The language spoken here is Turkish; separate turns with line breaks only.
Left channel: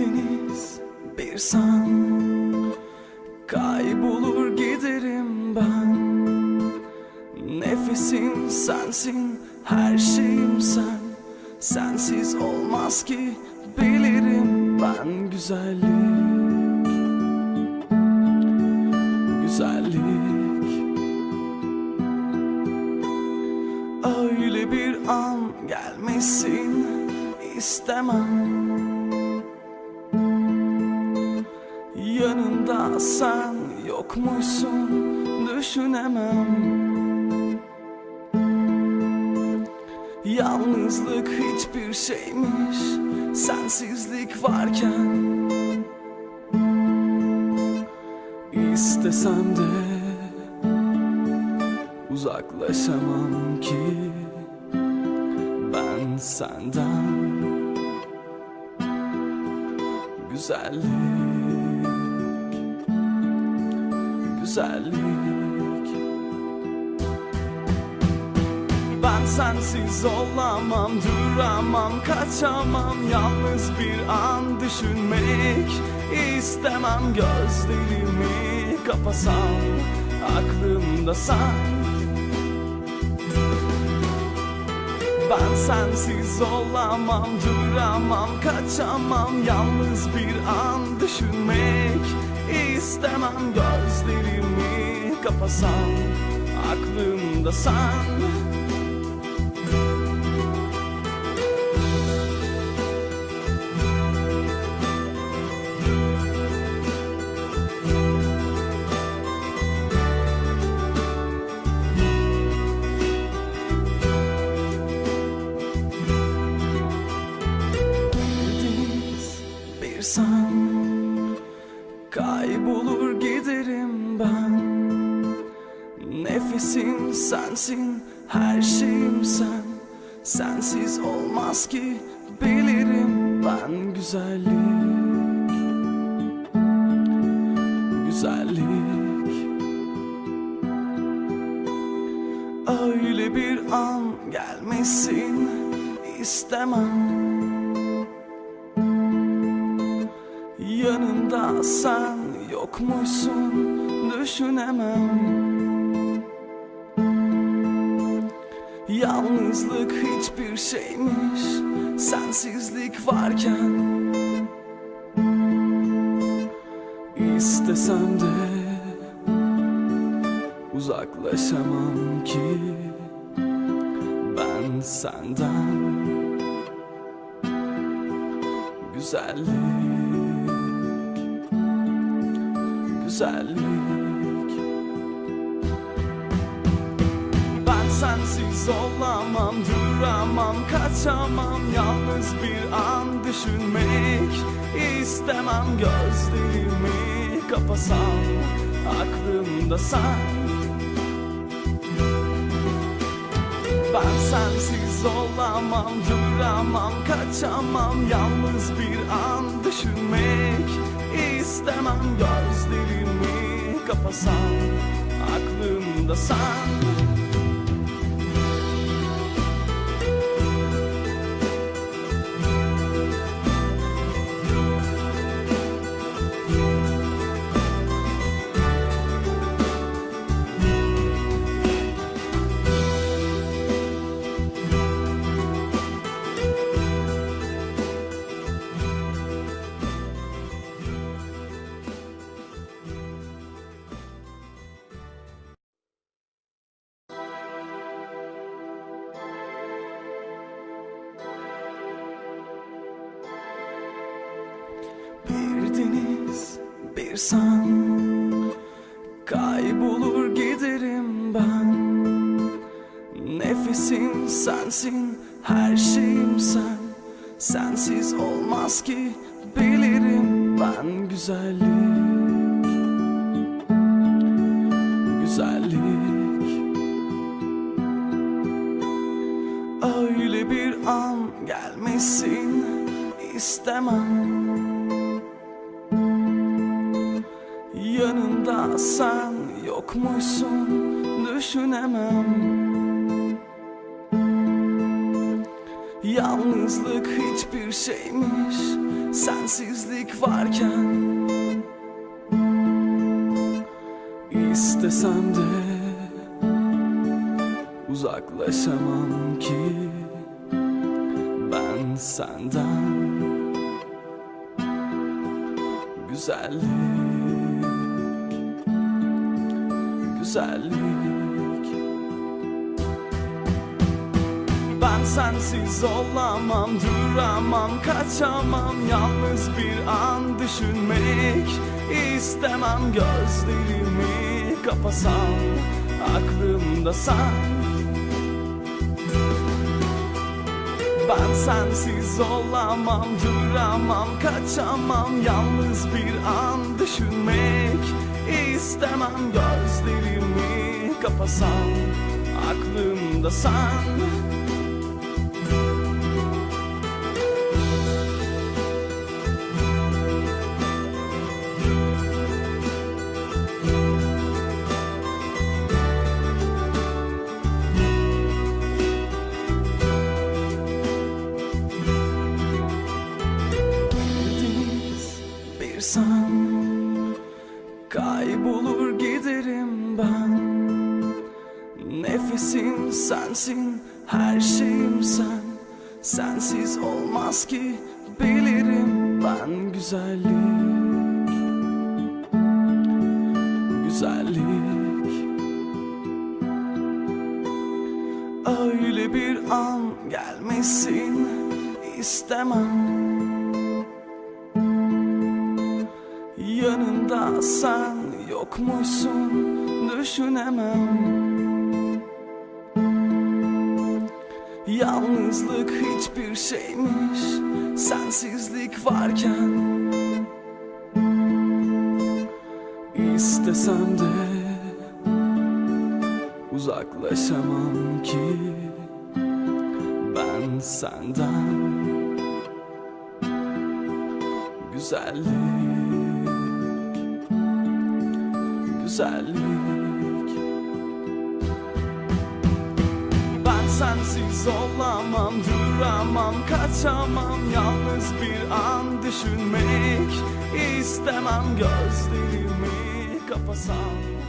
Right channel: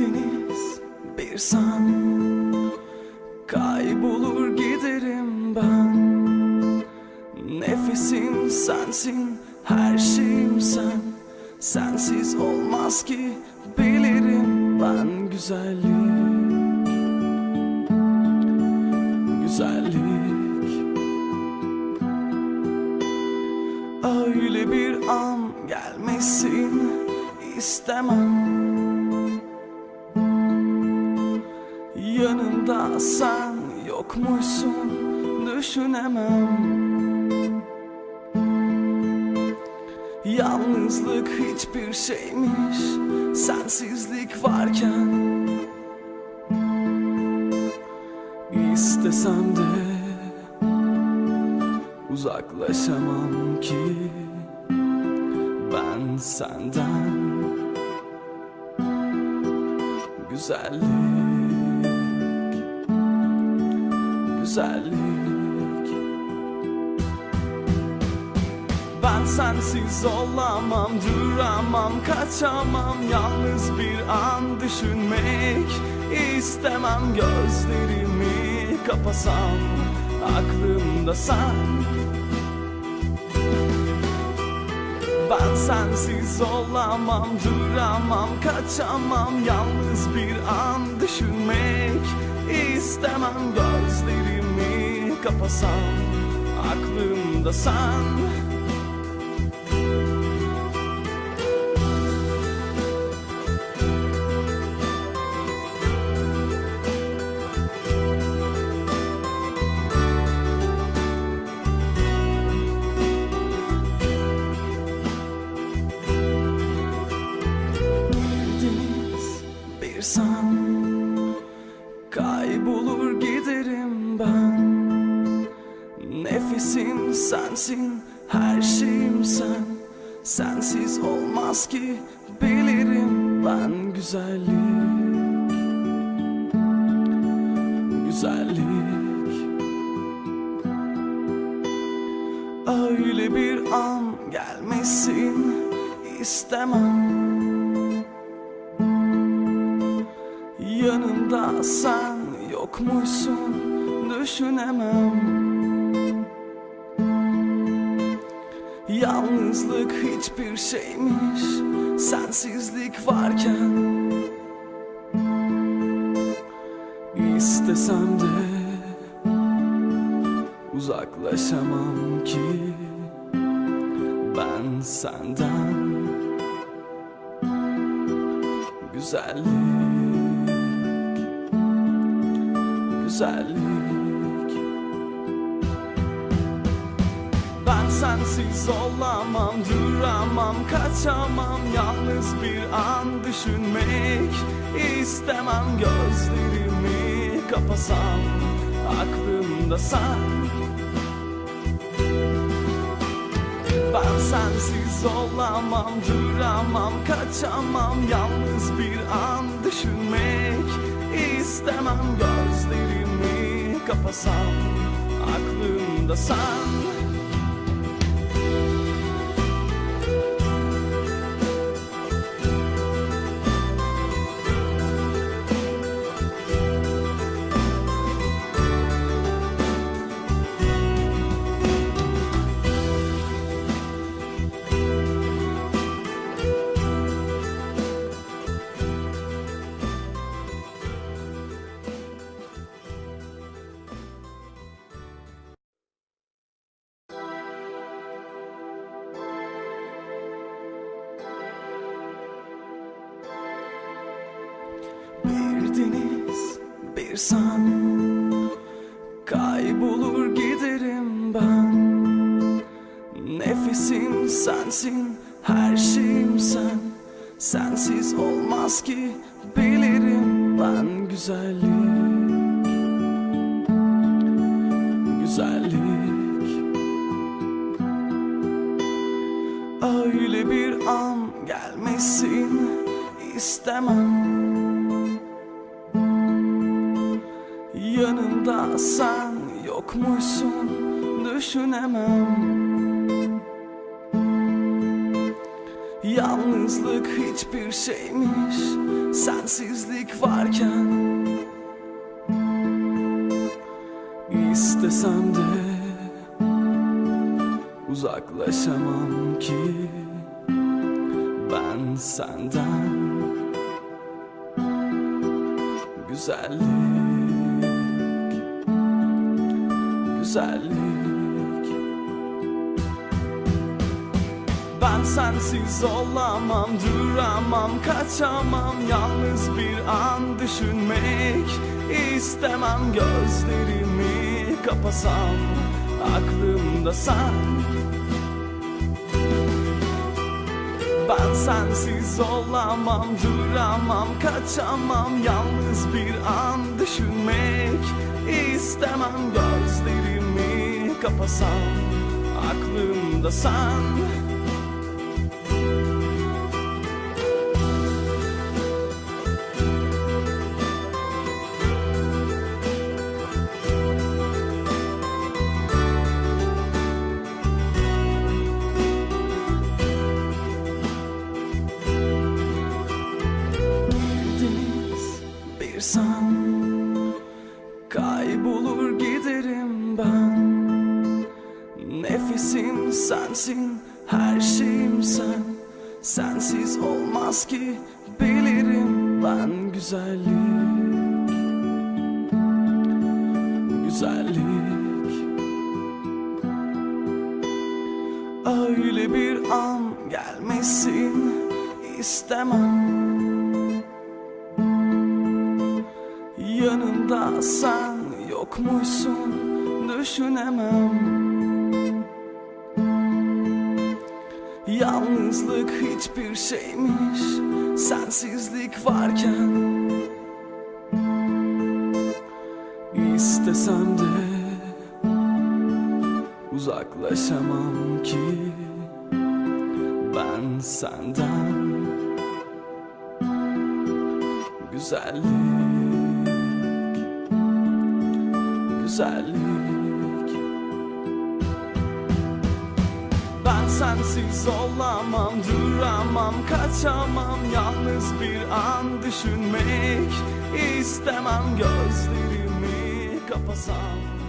deniz bir sen Kaybolur giderim ben. Nefesim sensin her şeyim sen. Sensiz olmaz ki bilirim ben güzellik. Güzellik. Öyle bir an gelmesin istemem Yanımda sen yokmuşsun düşünemem. Yalnızlık hiçbir şeymiş sensizlik varken. İstesem de uzaklaşamam ki. Ben senden Güzellik Güzellik. Ben sensiz olamam Duramam kaçamam. Yalnız bir an düşünmek istemem. Gözlerimi kapasam Aklımda sen. Ben sensiz olamam, duramam, kaçamam. Yalnız bir an düşünmek istemem Gözlerimi kapasam, aklımda sen Kaybolur giderim ben. Nefesim sensin, her şeyim sen. Sensiz olmaz ki bilirim ben güzellik. Güzellik. Öyle bir an gelmesin istemem Yanımda sen yokmuşsun düşünemem. Yalnızlık hiçbir şeymiş sensizlik varken. İstesem de uzaklaşamam ki. Ben senden Güzellik Güzellik. Ben sensiz olamam Duramam kaçamam. Yalnız bir an düşünmek istemem. Gözlerimi kapasam Aklımda sen. Ben sensiz olamam, duramam, kaçamam. Yalnız bir an düşünmek istemem Gözlerimi kapasam, aklımda sen Bir deniz, bir sen Kaybolur giderim ben. Nefesim sensin, her şeyim sen. Sensiz olmaz ki bilirim ben güzellik. Güzellik. Öyle bir an gelmesin istemem Yanımda sen yokmuşsun düşünemem. Yalnızlık hiçbir şeymiş Sensizlik varken. İstesem de Uzaklaşamam ki. Ben senden Güzellik Güzellik. Ben sensiz olamam, duramam, kaçamam. Yalnız bir an düşünmek istemem. Gözlerimi kapasam, aklımda sen. Ben sensiz olamam, duramam, kaçamam. Yalnız bir an düşünmek istemem Gözlerimi kapasam, aklımda sen Bir bir sen Kaybolur giderim ben. Nefesim sensin, her şeyim sen. Sensiz olmaz ki bilirim ben güzellik. Güzellik. Öyle bir an gelmesin istemem. Yanında sen yokmuşsun düşünemem. Yalnızlık hiçbir şeymiş sensizlik varken. İstesem de uzaklaşamam ki. Ben senden Güzellik Güzellik. Ben sensiz olamam, duramam, kaçamam. Yalnız bir an düşünmek istemem Gözlerimi kapasam